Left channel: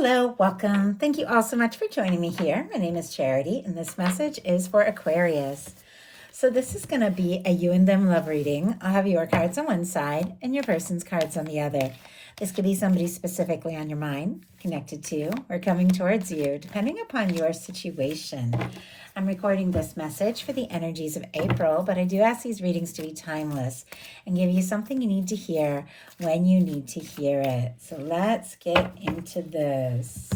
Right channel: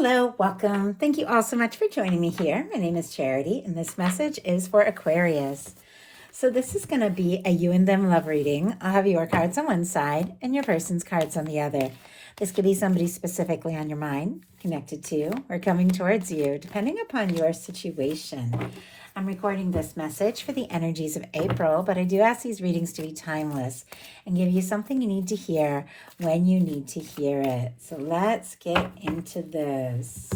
Hello, welcome. Thank you all so much for joining me here. My name is Charity, and this message is for Aquarius. So this is going to be a you and them love reading. I'll have your cards on one side and your person's cards on the other. This could be somebody specifically on your mind, connected to, or coming towards you, depending upon your situation. I'm recording this message for the energies of April, but I do ask these readings to be timeless and give you something you need to hear when you need to hear it. So let's get into this.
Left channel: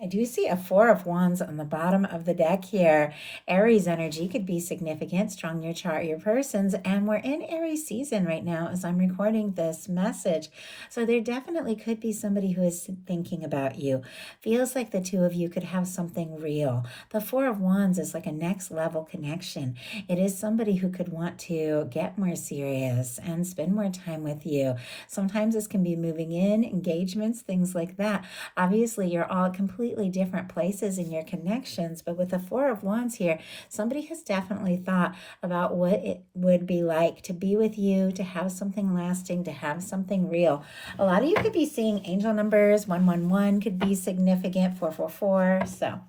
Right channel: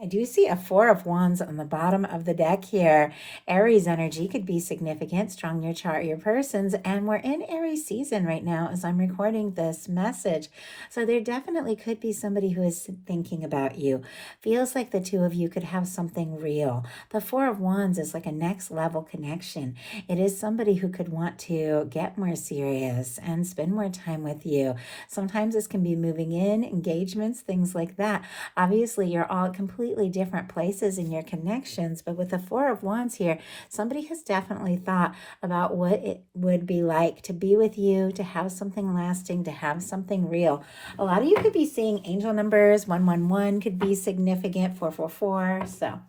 I do see a Four of Wands on the bottom of the deck here. Aries energy could be significant, strong your chart, your persons, and we're in Aries season right now as I'm recording this message. So there definitely could be somebody who is thinking about you. Feels like the two of you could have something real. The Four of Wands is like a next level connection. It is somebody who could want to get more serious and spend more time with you. Sometimes this can be moving in, engagements, things like that. Obviously, you're all completely different places in your connections, but with the Four of Wands here, somebody has definitely thought about what it would be like to be with you, to have something lasting, to have something real. A lot of you could be seeing angel numbers. 111 could be significant, 444. So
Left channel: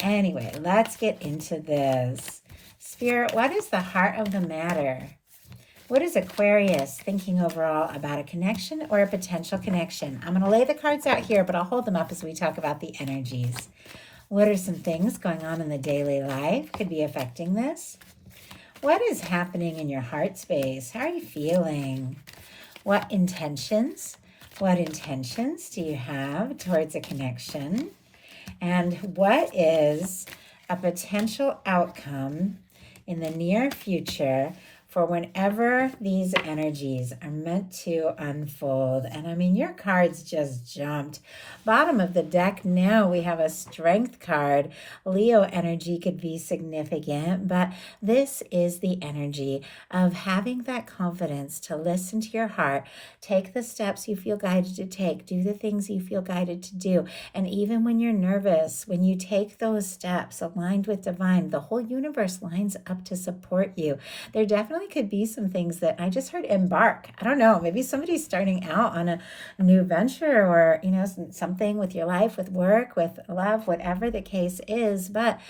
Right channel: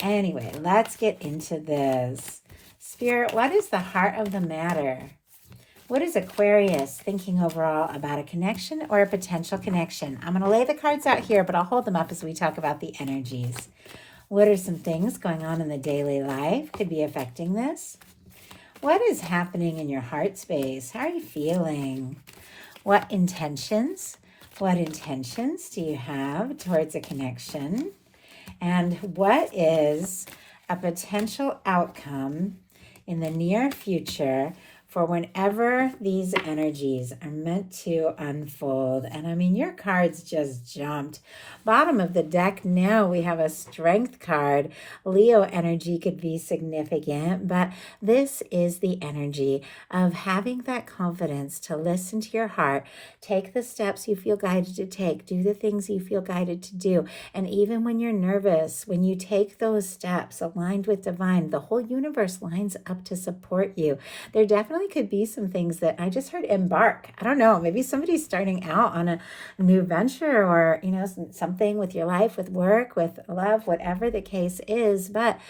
anyway, let's get into this. Spirit, what is the heart of the matter? What is Aquarius thinking overall about a connection or a potential connection? I'm going to lay the cards out here, but I'll hold them up as we talk about the energies. What are some things going on in the daily life could be affecting this? What is happening in your heart space? How are you feeling? What intentions do you have towards a connection? And what is a potential outcome in the near future for whenever these energies are meant to unfold? And I mean, your cards just jumped. Bottom of the deck now, we have a strength card. Leo energy could be significant, but this is the energy of having that confidence to listen to your heart, take the steps you feel guided to take, do the things you feel guided to do. And even when you're nervous, when you take those steps aligned with divine, the whole universe lines up to support you. There definitely could be some things that I just heard embark. I don't know, maybe somebody's starting out on a new venture or, you know, something with your life, with work, with love, whatever the case is. But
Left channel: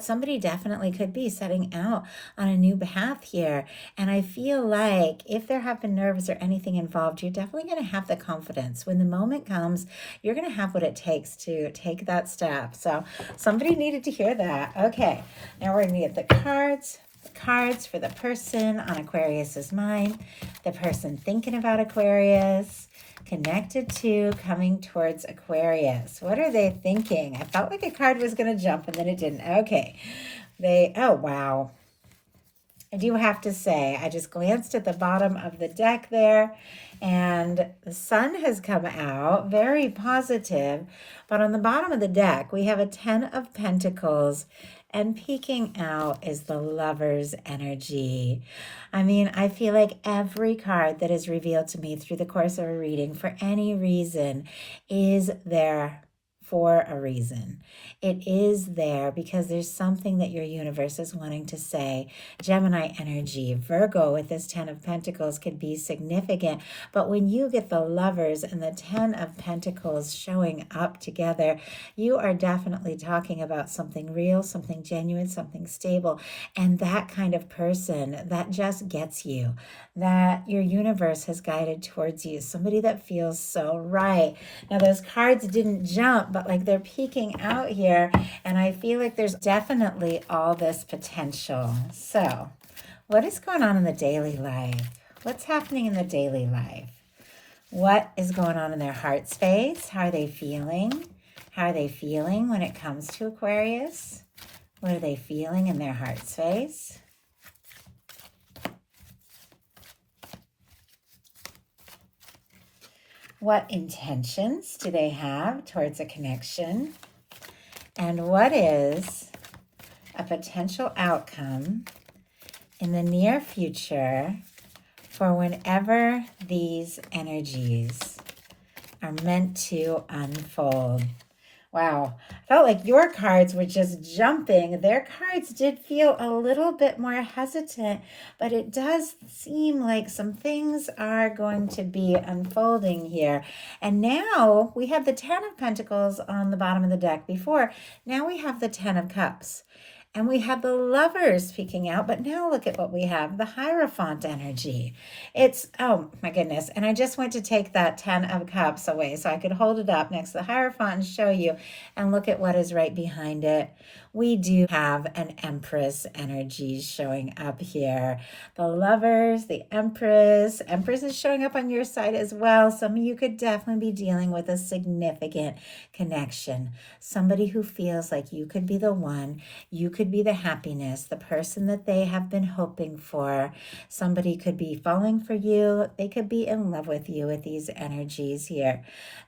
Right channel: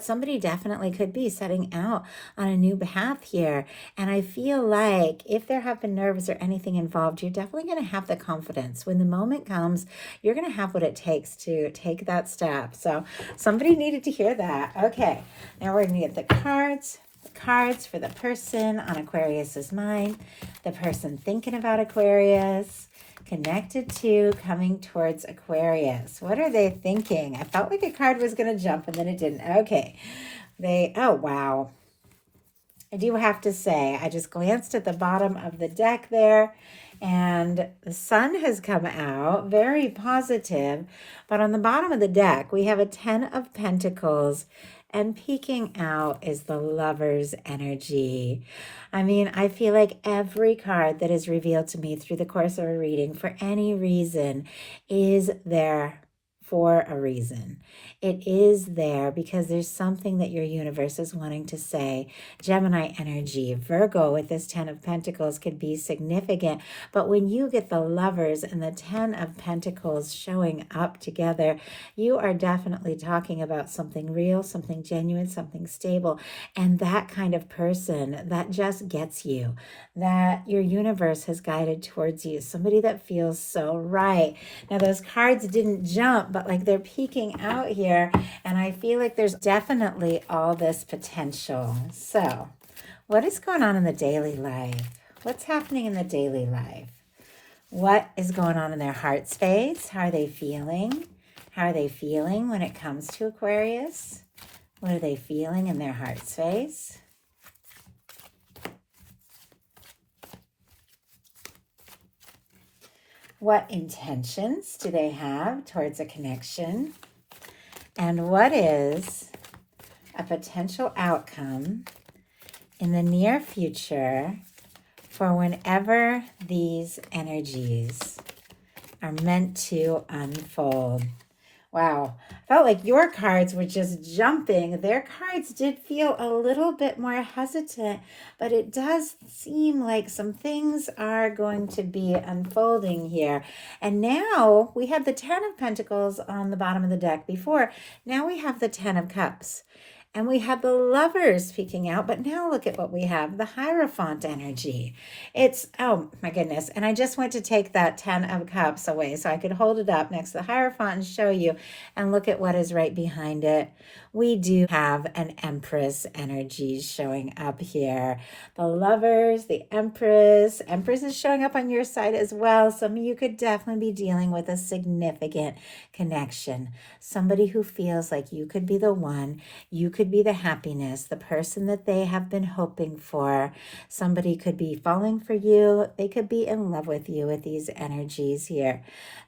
somebody definitely could be setting out on a new path here. And I feel like if there have been nerves or anything involved, you're definitely going to have the confidence. When the moment comes, you're going to have what it takes to take that step. So somebody needed to hear that. Okay, now we're going to get the cards. Cards for the person on Aquarius's mind, the person thinking about Aquarius, connected to, coming towards Aquarius. What are they thinking? I felt like a card was going to jump and then it didn't. Okay. Oh, wow. I do have to say, I just glanced at the bottom of the deck there and the sun has come out, very positive. But on the bottom of the deck, we have a 10 of Pentacles. And peeking out is the Lover's energy. I mean, I feel like every card that is revealed to me through the course of a reading for any reason is there for a reason. It is there because there's something that your universe is wanting to say. Gemini energy, Virgo with this 10 of Pentacles could be significant. But when you get the Lovers and the 10 of Pentacles showing up together, you are definitely talking about something real, something genuine, something stable. And that kind of person that just gets you, that your universe has guided towards you, somebody that feels so right. Now those cards didn't jump, but like they're peeking out here, and I feel like there's definitely all this potential. So what is going on in the daily life? What's happening in the daily life? What is going on in their heart space? How are they feeling? How are they feeling when it comes to Aquarius? What are they feeling in their heart space? What intentions do they have towards a connection? And what is a potential outcome in the near future for whenever these energies are meant to unfold? Wow. Felt like your cards were just jumping. Their cards did feel a little bit more hesitant, but it does seem like some things are going to be unfolding here. And now we had the Ten of Pentacles on the bottom of the deck before. Now we have the Ten of Cups. And we had the Lovers peeking out, but now look at what we have, the Hierophant energy. It's, oh my goodness. And I just went to take that 10 of Cups away so I could hold it up next to the Hierophant and show you. And look at what is right behind it. We do have an Empress energy showing up here. The Lovers, the Empress. Empress is showing up on your side as well. Some of you could definitely be dealing with a significant connection. Somebody who feels like you could be the one, you could be the happiness, the person that they have been hoping for. Somebody could be falling for you. They could be in love with you with these energies here.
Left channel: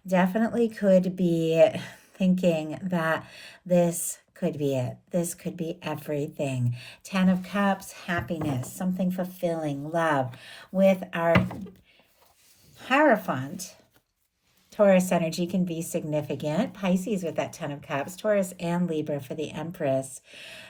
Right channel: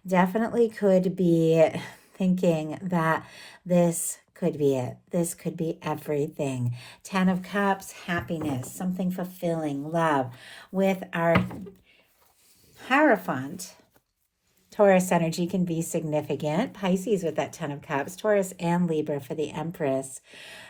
Definitely could be thinking that this could be it. This could be everything. 10 of Cups, happiness, something fulfilling, love. With our Hierophant, Taurus energy can be significant. Pisces with that 10 of Cups, Taurus and Libra for the Empress.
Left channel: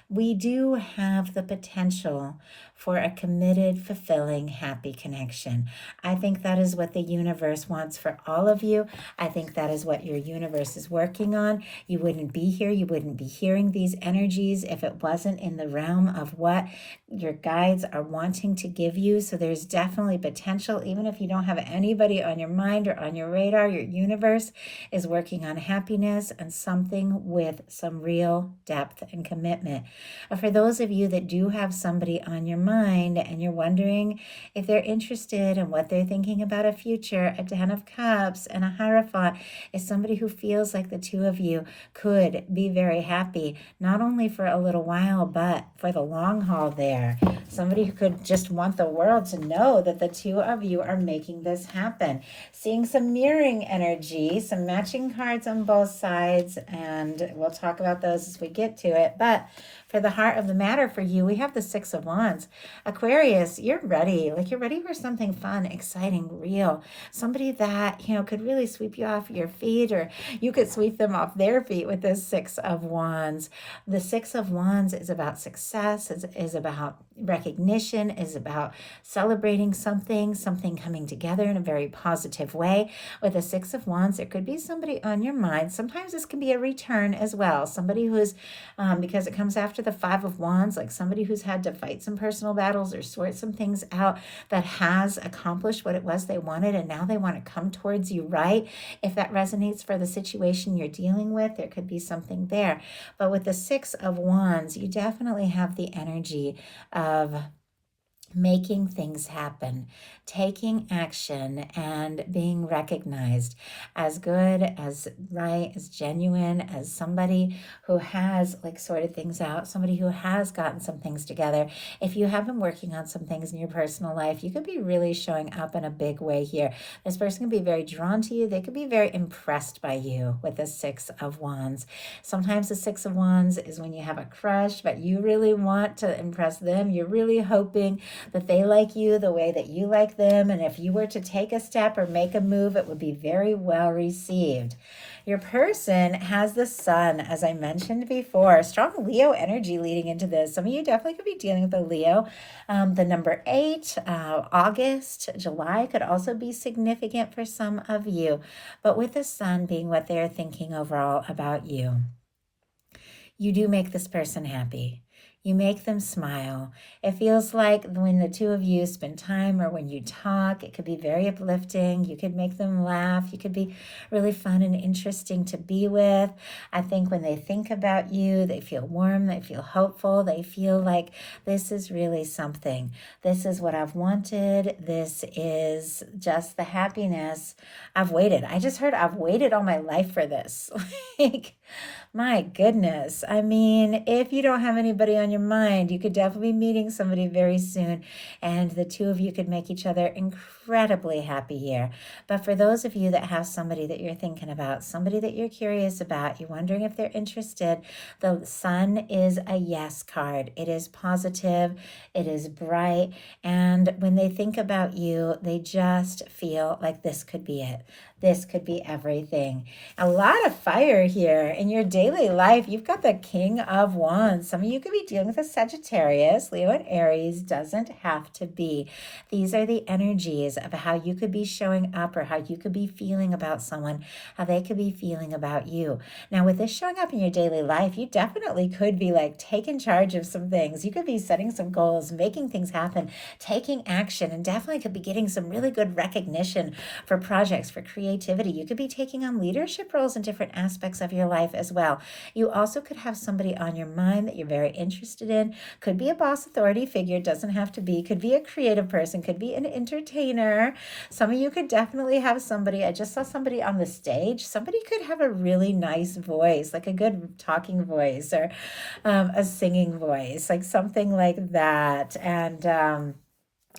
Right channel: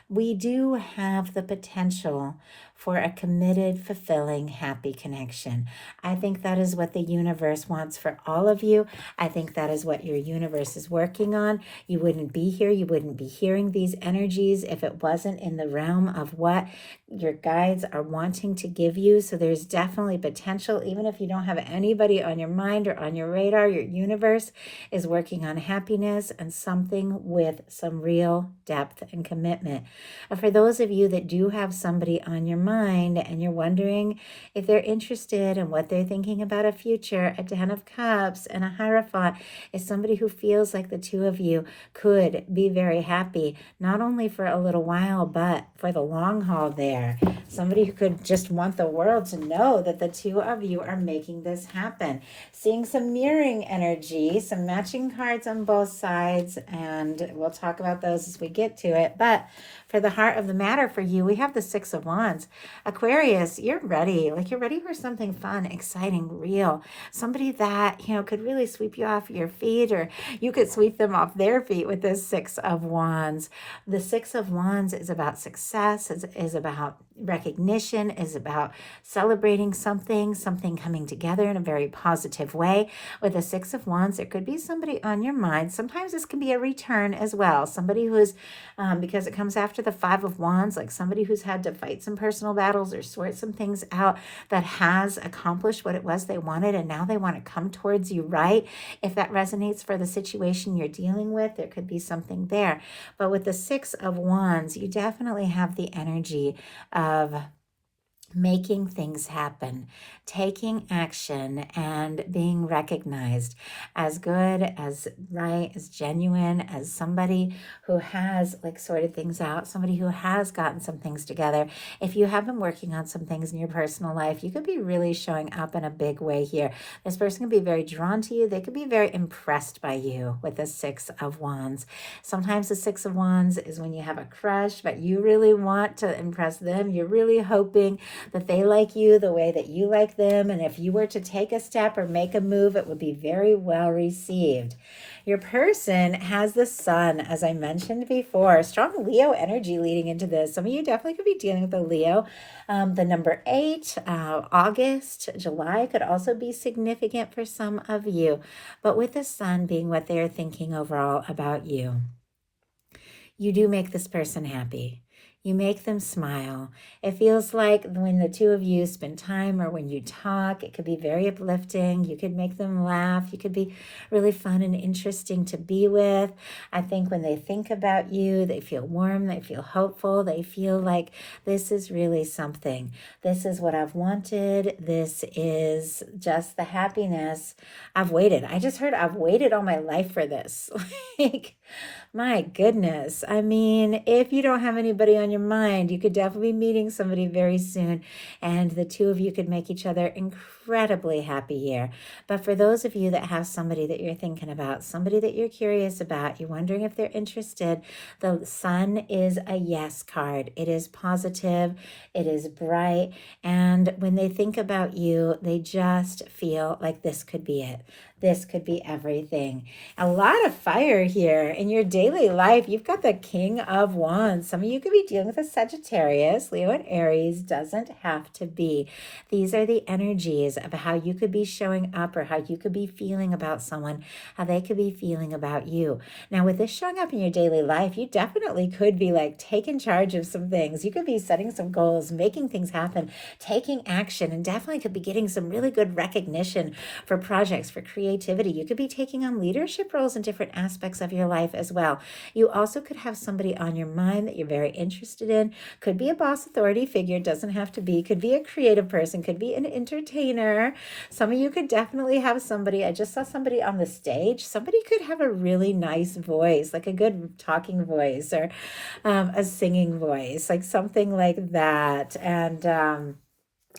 We do have the potential for a committed, fulfilling, happy connection. I think that is what the universe wants for all of you. I think that is what your universe is working on. You wouldn't be here. You wouldn't be hearing these energies if it wasn't in the realm of what your guides are wanting to give you. So there's definitely potential, even if you don't have anybody on your mind or on your radar, your universe is working on happiness and something with some real depth and commitment. For those of you that do have somebody on your mind and you're wondering if they're interested in what they're thinking about a future, a 10 of Cups and a Hierophant is somebody who feels like the two of you could be very happy, not only for a little while, but for the long haul there. Somebody who could just want the world to know that the two of you are making this happen. Seeing some mirroring energy, some matching cards on both sides, and we'll talk about those as we get to it. But for the heart of the matter for you, we have the Six of Wands. Aquarius, you're ready. Like you're ready for something fun, exciting, real. Somebody that, could really sweep you off your feet, or you could sweep them off their feet with this Six of Wands. The Six of Wands is about success, is about recognition, is about celebrating something coming together in a very positive way. With the Six of Wands, there could be somebody on your mind. Sometimes this can be a return as well. Somebody who's, because it comes after the Five of Wands, like somebody who's had to fight some personal battles or sort some things out that has accomplished what it was they wanted, and now they want to come towards you, right? If that resonates for the situation you're dealing with, there could be something there. But with the Six of Wands, you definitely have the energy of making things happen, taking action, and being recognized as good, as right, as genuine, as somebody who has sorted things out, somebody who has gotten some things together. If you have been working on some things in your personal life, you could be really showing up in a big way here. This person can be very drawn to you. They could be very impressed by you with the Six of Wands. Sometimes the Six of Wands is when you have a crush, but you really want to impress them. You're really hoping that they like you the way that you like them. And if you were to take a step or make a move, it would be very well received. Your person has the Sun, as I mentioned before. Strong Leo energy leading into this. Some of you definitely could be dealing with a Leo. The number 8, August, July could also be significant for some of you. But with the Sun being what they're thinking overall about you, you do make this person happy. You make them smile. It feels like when the two of you spend time or when you talk, it could be very uplifting. You could make them laugh. You could be really fun and interesting to be with. I think when they think about you, they feel warm, they feel hopeful, they feel like this is really something. This is what I've wanted. This is just the happiness I've waited. I just heard I've waited all my life for this. My goodness. I mean, if you don't have anybody on your mind, you could definitely be meeting somebody very soon, and the two of you could make each other incredibly happy here. But for those of you that have somebody that you're thinking about, somebody that you're curious about, you're wondering if they're interested, the Sun is a yes card. It is positive, it is bright, and when they think about you, they just feel like this could be it. This could be everything. A lot of fire here in your daily life. You've got the King of Wands. Some of you could be dealing with a Sagittarius, Leo, and Aries. Doesn't have to be. These are the energies of how you could be showing up or how you could be feeling about someone, how they could be feeling about you. Now, with this showing up in your daily life, you definitely could be like taking charge of some things. You could be setting some goals, making things happen, taking action, and definitely could be getting some really good recognition for projects, for creativity. You could be taking on leadership roles in different aspects of your life as well. You also could have somebody on your mind that you're very interested in. Could be a boss authority figure, doesn't have to be. Could be a creative person, could be an entertainer. Some of you could definitely have somebody. I just saw somebody on the stage. Somebody could have a really nice voice, like a good talking voice or a singing voice, like something like that.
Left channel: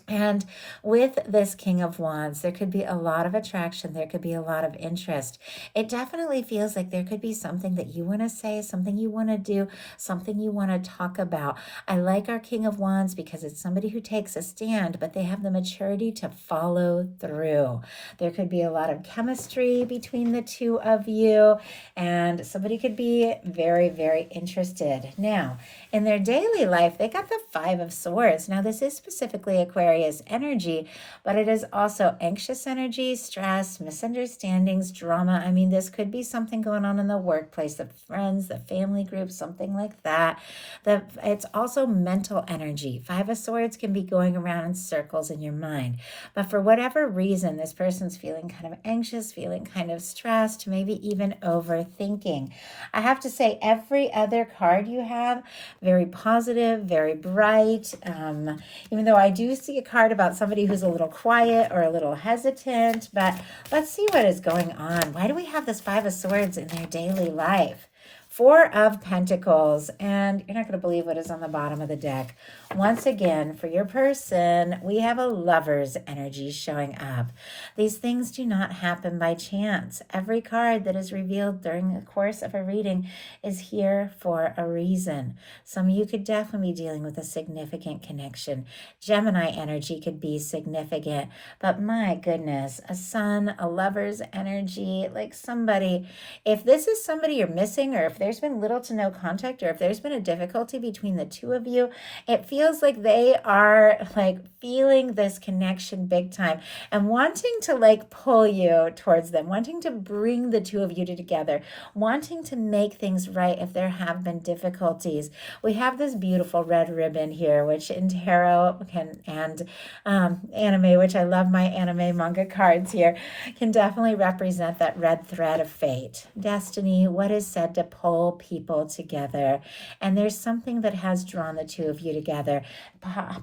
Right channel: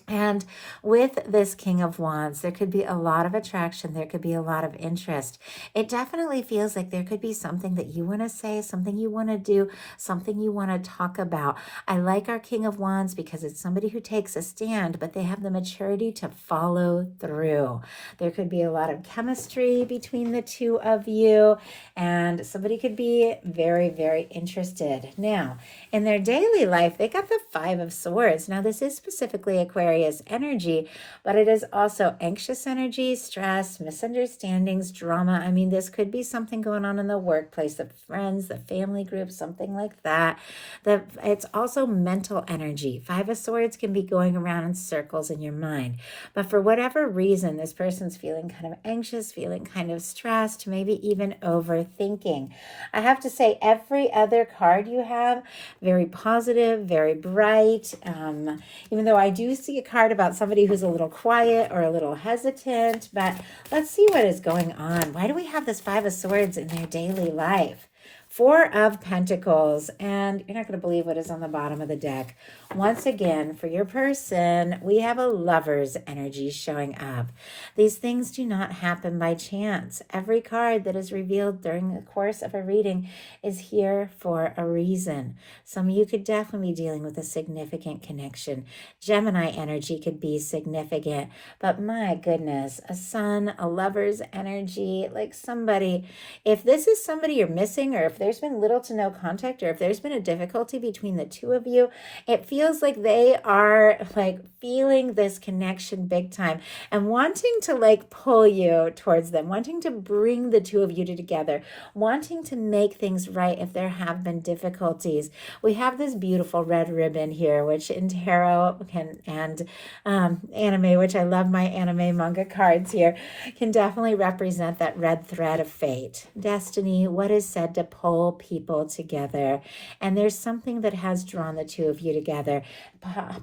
And with this King of Wands, there could be a lot of attraction. There could be a lot of interest. It definitely feels like there could be something that you want to say, something you want to do, something you want to talk about. I like our King of Wands because it's somebody who takes a stand, but they have the maturity to follow through. There could be a lot of chemistry between the two of you, and somebody could be very, very interested. Now, in their daily life, they got the Five of Swords. Now, this is specifically Aquarius energy, but it is also anxious energy, stress, misunderstandings, drama. I mean, this could be something going on in the workplace, the friends, the family group, something like that. It's also mental energy. Five of Swords can be going around in circles in your mind. But for whatever reason, this person's feeling kind of anxious, feeling kind of stressed, maybe even overthinking. I have to say, every other card you have, very positive, very bright. Even though I do see a card about somebody who's a little quiet or a little hesitant, but let's see what is going on. Why do we have this Five of Swords in their daily life? Four of Pentacles, and you're not going to believe what is on the bottom of the deck. Once again, for your person, we have a Lover's energy showing up. These things do not happen by chance. Every card that is revealed during the course of a reading is here for a reason. Some of you could definitely be dealing with a significant connection. Gemini energy could be significant, but my goodness, a Sun, a Lover's energy, like somebody, if this is somebody you're missing, or if there's been little to no contact, or if there's been a difficulty between the two of you, it feels like they are like feeling this connection big time and wanting to like pull you towards them, wanting to bring the two of you together, wanting to make things right if there have been difficulties. We have this beautiful red ribbon here, which in tarot and anime, which I love my anime manga cards here, can definitely represent that red thread of fate, destiny, what is said to pull people together. And there's something that has drawn the two of you together,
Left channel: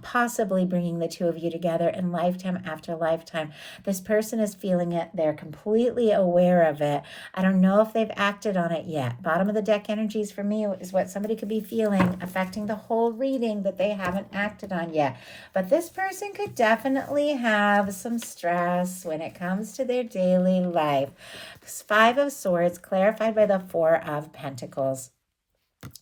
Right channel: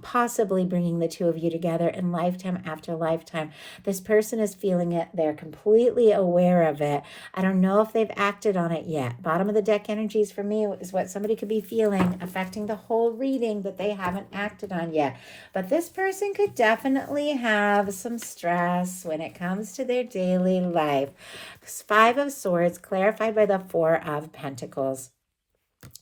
possibly bringing the two of you together in lifetime after lifetime. This person is feeling it. They're completely aware of it. I don't know if they've acted on it yet. Bottom of the deck energies for me is what somebody could be feeling, affecting the whole reading that they haven't acted on yet. But this person could definitely have some stress when it comes to their daily life. Five of Swords clarified by the Four of Pentacles.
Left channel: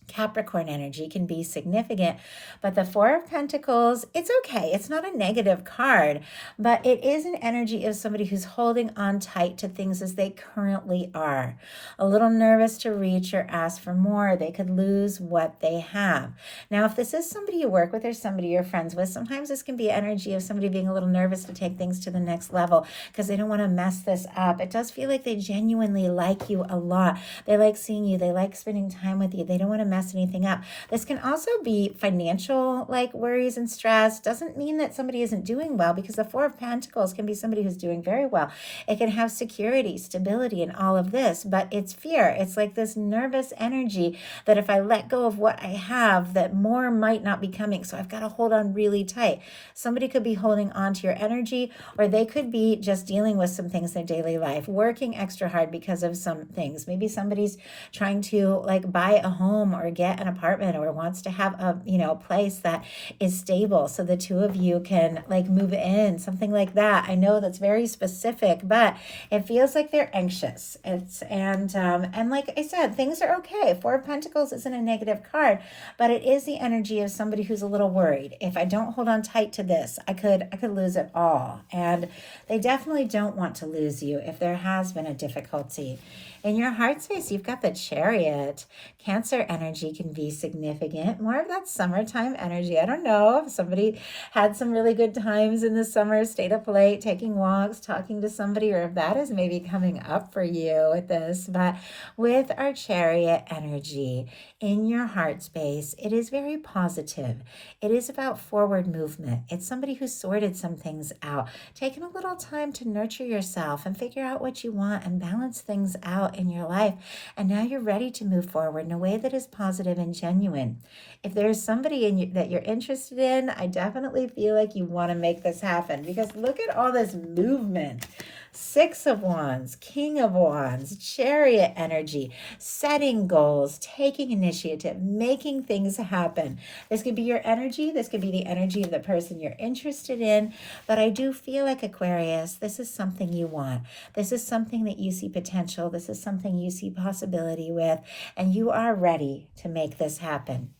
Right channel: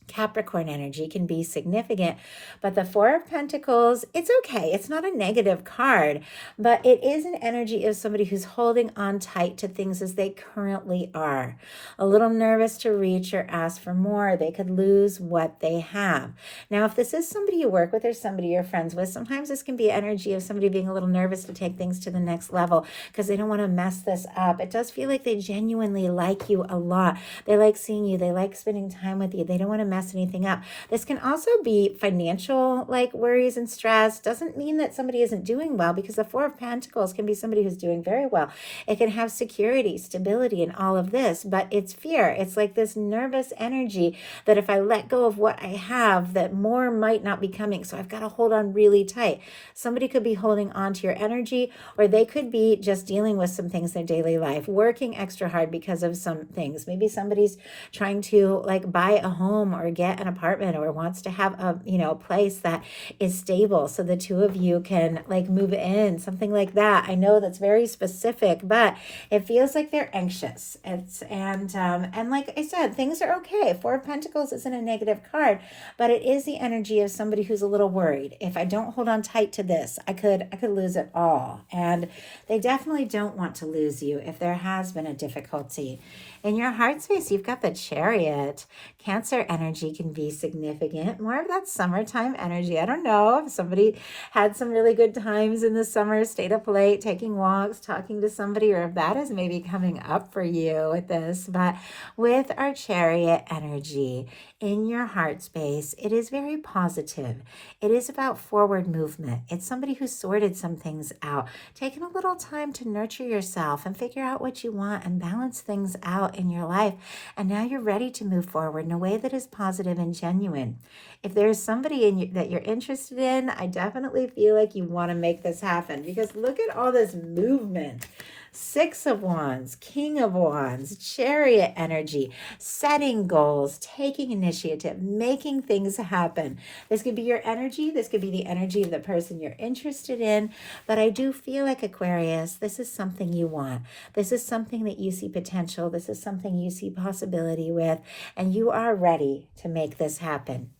Capricorn energy can be significant, but the Four of Pentacles, it's okay. It's not a negative card, but it is an energy of somebody who's holding on tight to things as they currently are. A little nervous to reach or ask for more. They could lose what they have. Now, if this is somebody you work with or somebody you're friends with, sometimes this can be energy of somebody being a little nervous to take things to the next level because they don't want to mess this up. It does feel like they genuinely like you a lot. They like seeing you. They like spending time with you. They don't want to mess anything up. This can also be financial like worries and stress. Doesn't mean that somebody isn't doing well, because the Four of Pentacles can be somebody who's doing very well. It can have security, stability, and all of this, but it's fear. It's like this nervous energy that if I let go of what I have, that more might not be coming. So I've got to hold on really tight. Somebody could be holding on to your energy, or they could be just dealing with some things in their daily life, working extra hard because of some things. Maybe somebody's trying to like buy a home home or get an apartment or wants to have a, place that is stable so the two of you can like move in, something like that. I know that's very specific, but it feels like they're anxious. And like I said, things are okay. Four of Pentacles isn't a negative card, but it is the energy of somebody who's a little worried. If I don't hold on tight to this, I could lose it all. And they definitely don't want to lose you if there has been a difficulty. In your heart space, you've got the Chariot. Cancer energy can be significant. More of that summertime energy. I don't know if somebody had some really good times in the summer, stayed up late, taking walks, talking to somebody, or if that is maybe coming up for you with this. But with our Chariot energy in your heart space, it is very positive. It is about forward movement. It's somebody who sorted some things out, taking a little time to nurture yourself and figure out what you want and balance things out in your life. And now you're ready to move forward in a way that is positive and genuine. If there's somebody that you're interested in, I definitely feel like you want to make this happen, because look at all this movement. Six of Wands, King of Wands, Chariot energy, setting goals, taking initiative, making things happen. This could be your energy. This could be the energy of the person you're interested in. But I do feel like, Aquarius, this is something you want. This is something that you see potential. This is something you see possibility with. And you are ready to make this happen.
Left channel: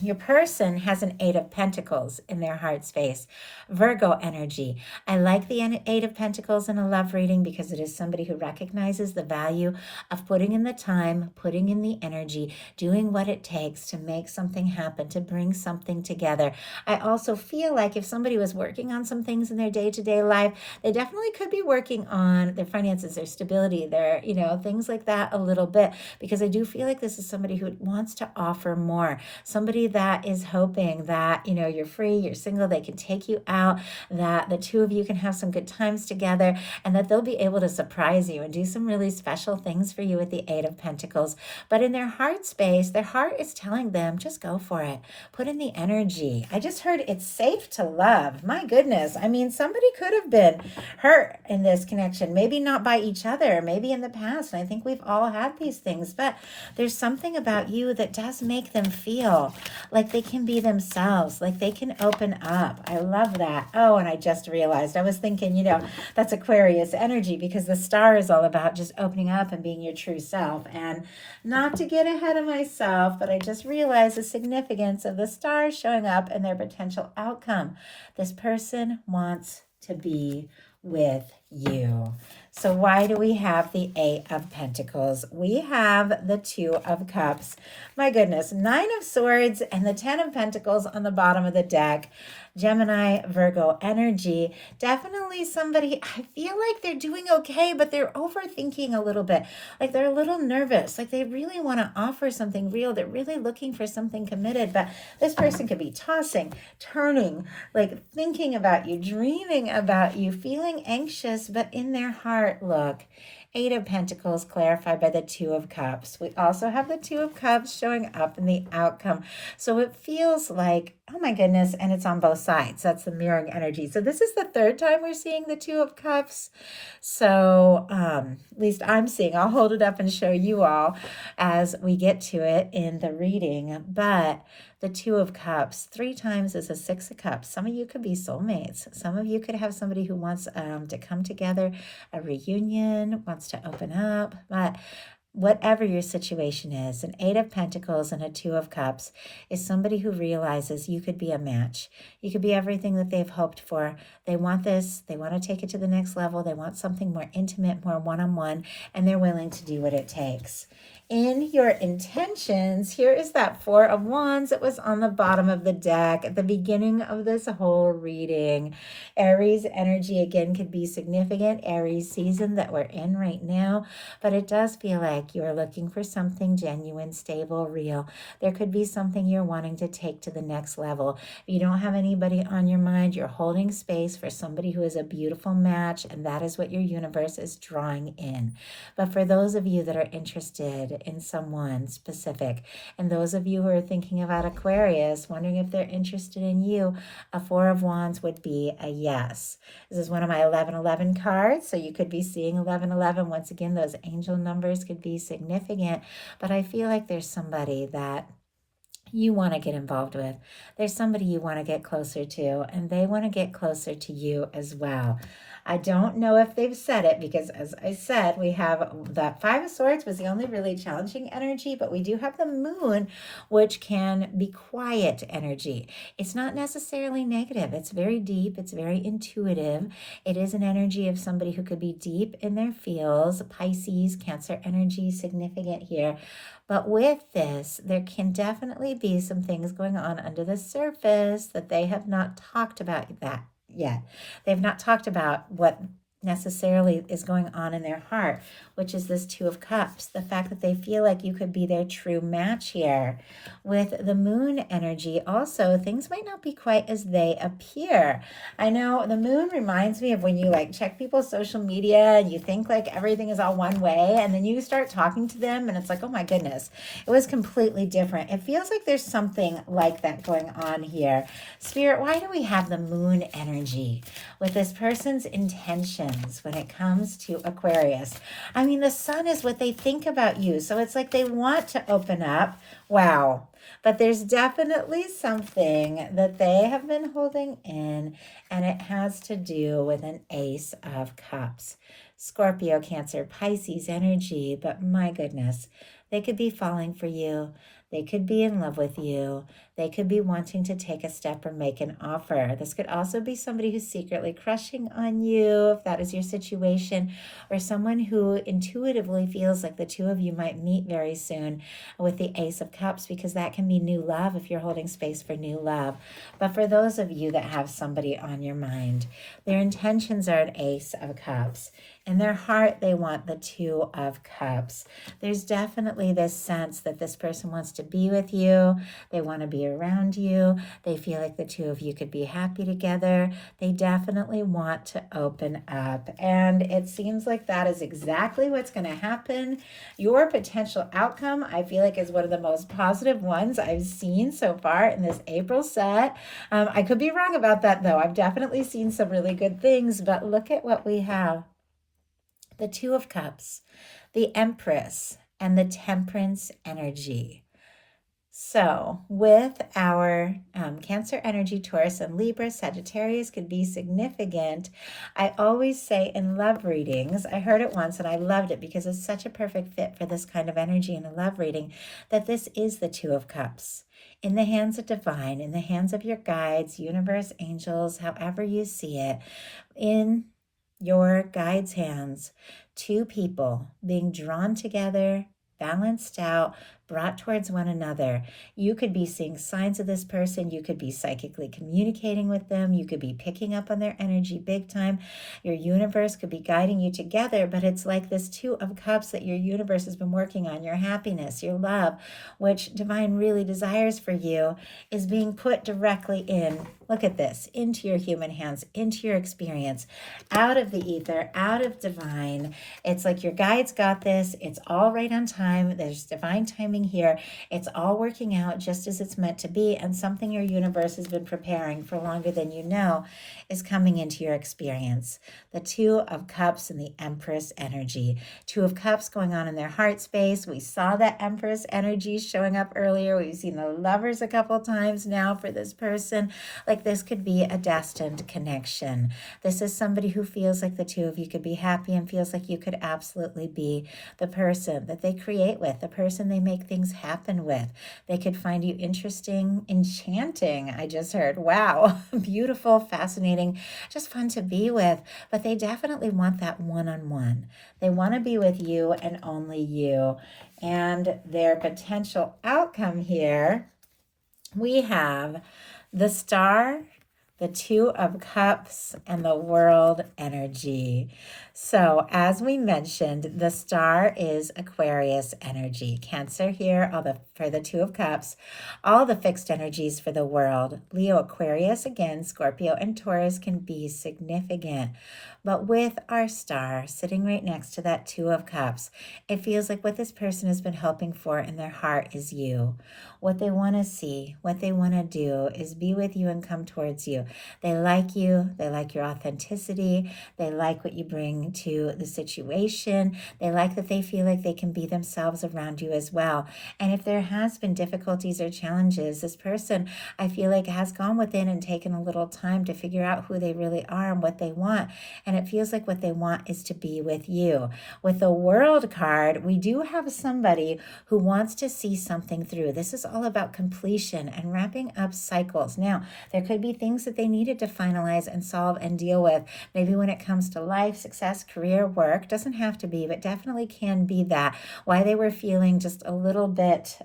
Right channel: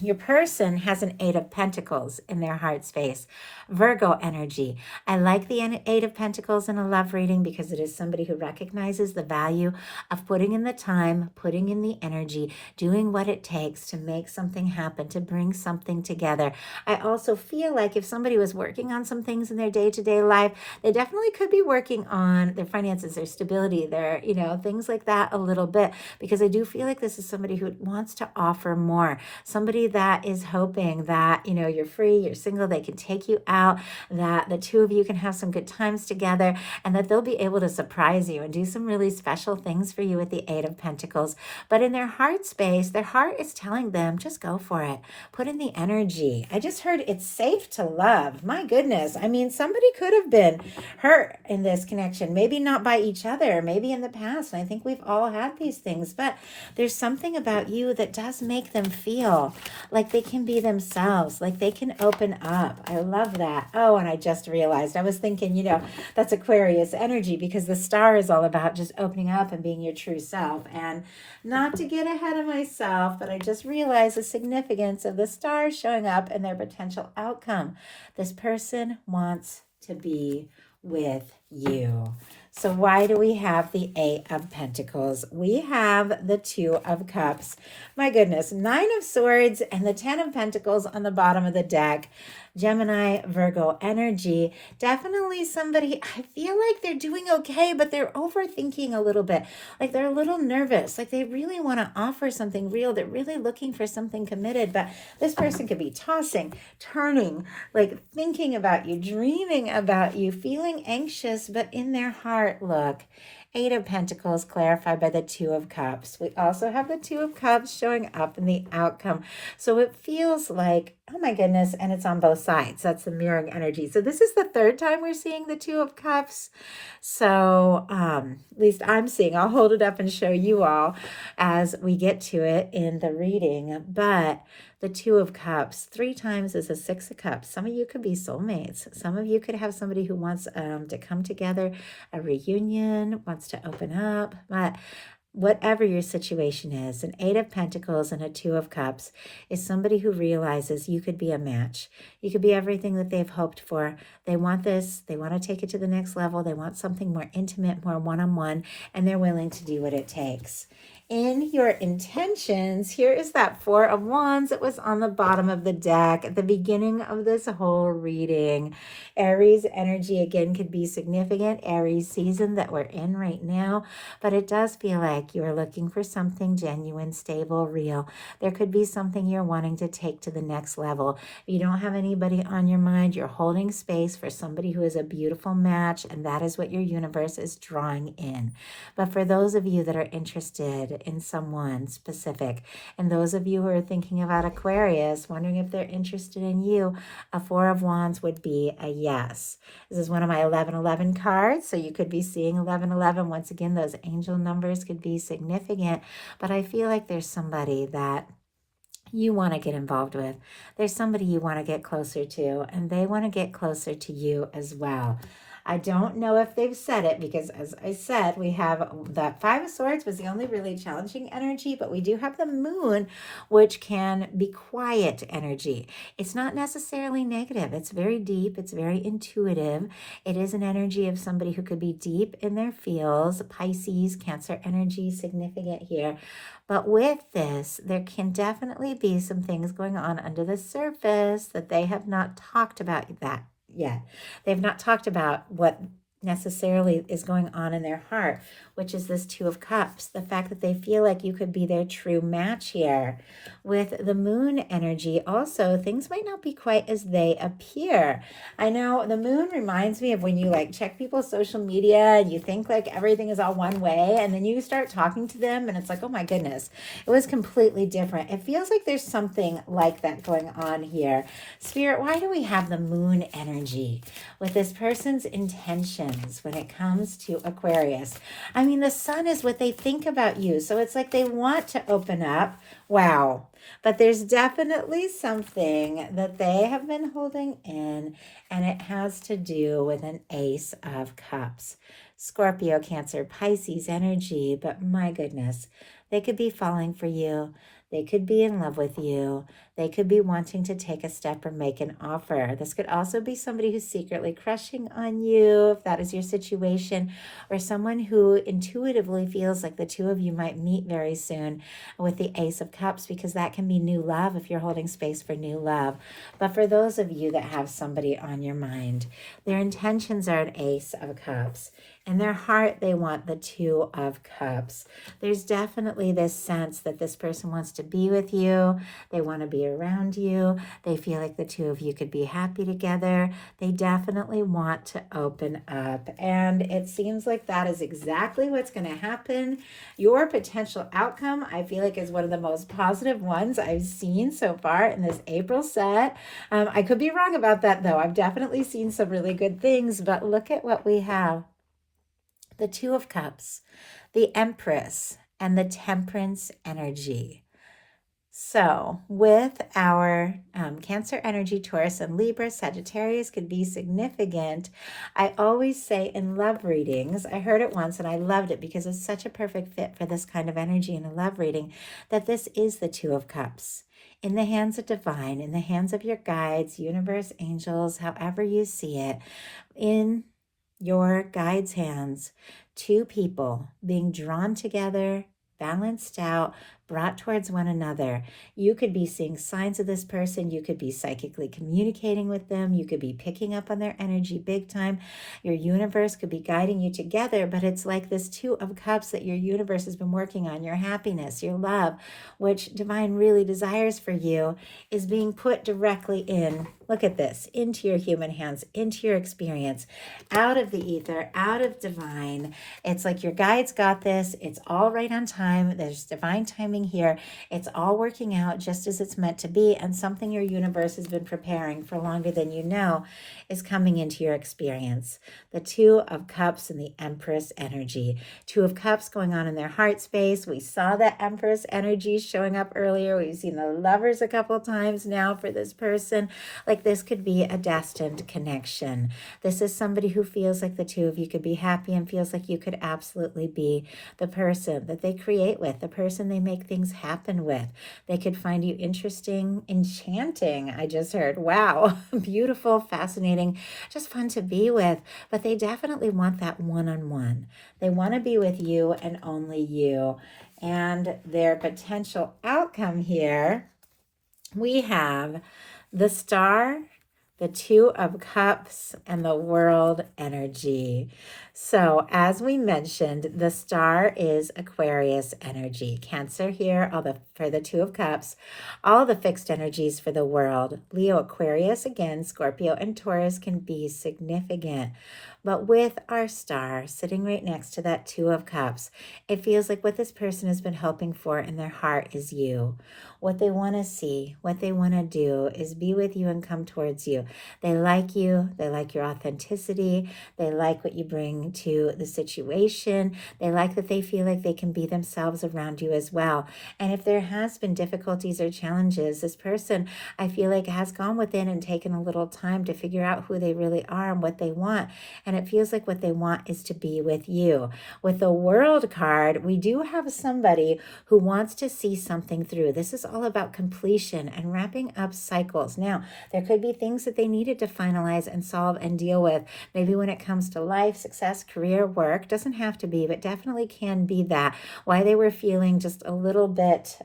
Your person has an Eight of Pentacles in their heart space. Virgo energy. I like the Eight of Pentacles in a love reading because it is somebody who recognizes the value of putting in the time, putting in the energy, doing what it takes to make something happen, to bring something together. I also feel like if somebody was working on some things in their day-to-day life, they definitely could be working on their finances, their stability, their, things like that a little bit, because I do feel like this is somebody who wants to offer more. Somebody that is hoping that, you're free, you're single, they can take you out, that the two of you can have some good times together, and that they'll be able to surprise you and do some really special things for you with the Eight of Pentacles. But in their heart space, their heart is telling them, just go for it. Put in the energy. I just heard it's safe to love. My goodness. I mean, somebody could have been hurt in this connection. Maybe not by each other, maybe in the past. And I think we've all had these things, but there's something about you that does make them feel like they can be themselves, like they can open up. I love that. Oh, and I just realized, I was thinking, that's Aquarius energy, because the star is all about just opening up and being your true self. And not to get ahead of myself, but I just realized the significance of the stars showing up and their potential outcome. This person wants to be with you. So why do we have the Eight of Pentacles? We have the Two of Cups. My goodness, Nine of Swords and the Ten of Pentacles on the bottom of the deck. Gemini, Virgo energy. Definitely somebody, I feel like they're doing okay, but they're overthinking a little bit. Like they're a little nervous. Like they really want to offer something real. They're really looking for something committed, but this person could be tossing, turning, like thinking about you, dreaming about you, feeling anxious, but in their heart, look. Eight of Pentacles clarified by the Two of Cups. We also have the Two of Cups showing up in the outcome. So it feels like, oh my goodness, and it's on both sides. That's the mirroring energy. So this is the third time we're seeing the Two of Cups. So at least I'm seeing. I'll hold it up and show you all as we get to it in the reading. But the Two of Cups, 3 times is a Six of Cups. Some of you could be soulmates. Some of you could have somebody who wants to come together, a reunion, wants to open up. But whatever your situation is, an Eight of Pentacles and a Two of Cups is somebody who realizes you could be a match. You could be everything that they've hoped for. They want this. They want to take it to the next level. They want something more intimate, more one-on-one, and they're willing to do what it takes. In your intentions, here is that Four of Wands that was on the bottom of the deck at the beginning of this whole reading. Aries energy, again, could be significant. Aries season that we're in right now, but it does feel like you're looking for something genuine, stable, real. There could be something you're wanting to take to the next level. If you don't have anybody on your mind, you're holding space for somebody who is a beautiful match, and that is what your universe is drawing in. But for those of you that are interested in someone specific. And those of you who are thinking about Aquarius, wondering if they're interested in you, a Four of Wands would be a yes. This is one of my 1111 cards, so you could be seeing 1111. Once again, those angel numbers could be significant, but I feel like there's somebody that you want to get involved with. There's somebody you want to get closer to, and they want to get closer to you as well. I don't know if they've said it because, as I said, we have that Five of Swords was the only really challenging energy, but we do have the Moon, which can be quiet energy. It's not necessarily negative. It's very deep. It's very intuitive. It is an energy of somebody who could be deep in their feels. Pisces, Cancer energy, significant here. But with this, there can definitely be some things going on under the surface that they have not talked about that yet. They've not talked about what necessarily is going on in their heart, which is this Two of Cups. The fact that they feel like you could be their true match here. With the Moon energy, also, things might not be quite as they appear. I know the Moon reminds me of when you like check people's social media and you think like everything is all one way, and then you start talking to them and it's like, oh my goodness, it was completely different. It feels like there's something like that going on here. Spirit, why do we have the Moon energy with this person's intentions when it comes to Aquarius? I mean, the sun is what they think about you. So it's like they want to open up. Wow. But there's definitely something that they have been holding in, and it has to do with an Ace of Cups. Scorpio, Cancer, Pisces energy, but my goodness, they could be falling for you. They could be in love with you. They could be wanting to take a step or make an offer. This could also be somebody who's secretly crushing on you, if that is your situation, or someone who intuitively feels like the two of you might meet very soon with the Ace of Cups, because that can be new love if you're holding space for new love. But for those of you that have somebody on your mind, their intentions are an Ace of Cups. In their heart, they want the Two of Cups. There's definitely this sense that this person wants to be with you. They want to be around you. They feel like the two of you could be happy together. They definitely want to open up. And it seems like that is exactly what's going to happen. Your potential outcome, I feel like, is one of the most positive ones I've seen so far in this April set. I could be wrong about that, though. I've definitely seen some really good things, but look at what we have. The Two of Cups, the Empress, and the Temperance energy. So with our Cancer energy, Taurus and Libra, Sagittarius could be significant. I always say in love readings, I heard it once and I loved it because it's such a perfect fit for this kind of energy in a love reading, that this is the Two of Cups. In the hands of divine, in the hands of your guides, universe, angels, however you see it, in your guide's hands, two people being drawn together, balanced out, brought towards one another. You could be seeing signs of this person. You could be psychically communicating with them. You could be picking up on their energy big time. Your universe could be guiding you together, but it's like this Two of Cups that your universe has been working on. Your happiness, your love, which divine really desires for you, is being put directly in. Look at this, into your human hands, into your experience, out of the ether, out of divine. It's like your guides got this. It's all right on time. There's divine timing here. It's all working out just as it's meant to be, and something your universe has been preparing for longer than you know is coming into your experience. The Two of Cups and the Empress energy. Two of Cups going on in their heart space. We saw that Empress energy showing up earlier. We've seen the Lovers a couple times now for this person. Like, this could be a destined connection. This is somebody who feels like the two of you could be happy and feels like you could absolutely be the person that they create with, the person they make things happen with. They could find you interesting, enchanting. I just heard, wow, beautiful, fascinating, just fun to be with. But they definitely want that one-on-one. They want to be with you and only you. And their potential outcome here, we have the Star, the Two of Cups, and the World energy. So as we mentioned, the Star is Aquarius energy. Cancer here, for the Two of Cups, all the fixed energies for the World. Leo, Aquarius, again, Scorpio, and Taurus can be significant. But with our star sitting right next to that Two of Cups, it feels like what this person has been hoping for in their heart is you. What they want to see, what they want to do is be with you and come towards you. They like you. They like your authenticity. They like what you bring to the situation. They like that they feel like they can be themselves around you as well. And if there has been difficulties or challenges, this person, I feel like, has gone within and taken a little time to figure out who they really are and what they want. And it feels like what they want is to be with you. With the World card, we do have somebody who wants to see something through. This is all about completion and wrapping up cycles. Now, there could be things that they needed to finalize and solve and deal with. Maybe when it comes to life, success, career, work, doesn't have to be, but definitely can be that. Why they were feeling just a little bit,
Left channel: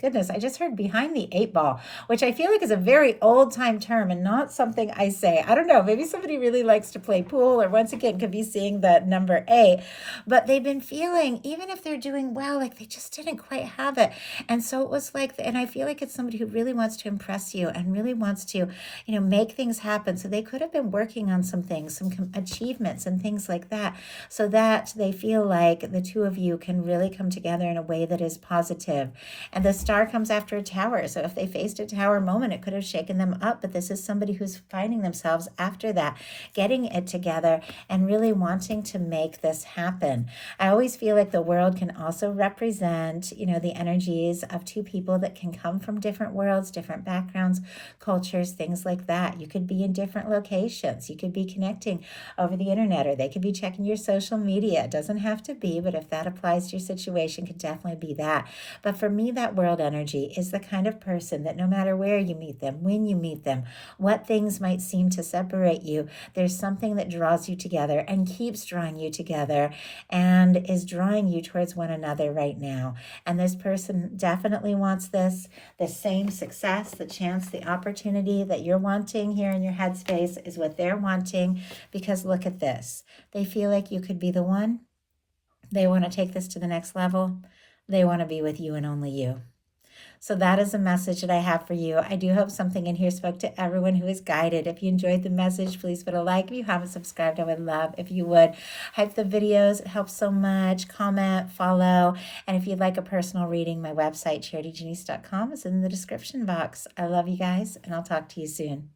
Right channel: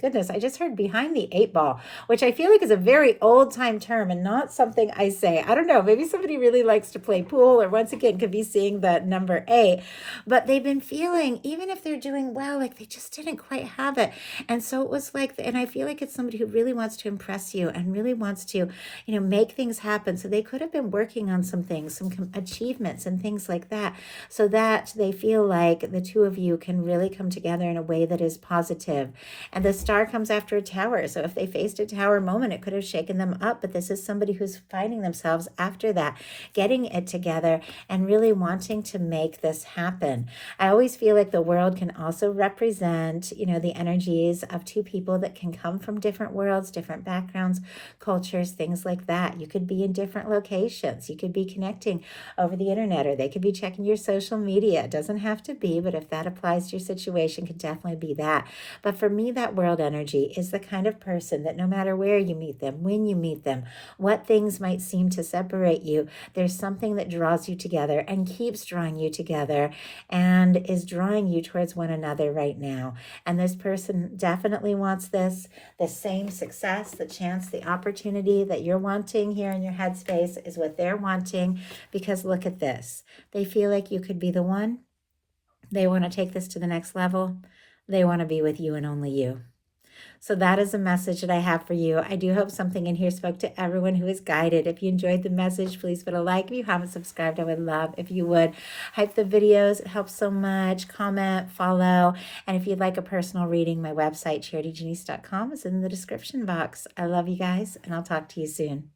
goodness, I just heard behind the eight ball, which I feel like is a very old time term and not something I say. I don't know, maybe somebody really likes to play pool, or once again could be seeing the number 8, but they've been feeling, even if they're doing well, like they just didn't quite have it. And so it was like, and I feel like it's somebody who really wants to impress you and really wants to, make things happen. So they could have been working on some things, some achievements and things like that, so that they feel like the two of you can really come together in a way that is positive. And the star comes after a tower. So if they faced a tower moment, it could have shaken them up. But this is somebody who's finding themselves after that, getting it together and really wanting to make this happen. I always feel like the world can also represent, the energies of two people that can come from different worlds, different backgrounds, cultures, things like that. You could be in different locations. You could be connecting over the internet, or they could be checking your social media. It doesn't have to be, but if that applies to your situation, could definitely be that. But for me, that world energy is the kind of person that no matter where you meet them, when you meet them, what things might seem to separate you, there's something that draws you together and keeps drawing you together and is drawing you towards one another right now. And this person definitely wants this, the same success, the chance, the opportunity that you're wanting here in your headspace is what they're wanting, because look at this. They feel like you could be the one. They want to take this to the next level. They want to be with you and only you. So that is a message that I have for you. I do hope something in here spoke to everyone who is guided. If you enjoyed the message, please put a like. If you haven't subscribed, I would love if you would. Hype the videos. It helps so much. Comment, follow. And if you'd like a personal reading, my website, charityjanice.com, is in the description box. I love you guys, and I'll talk to you soon.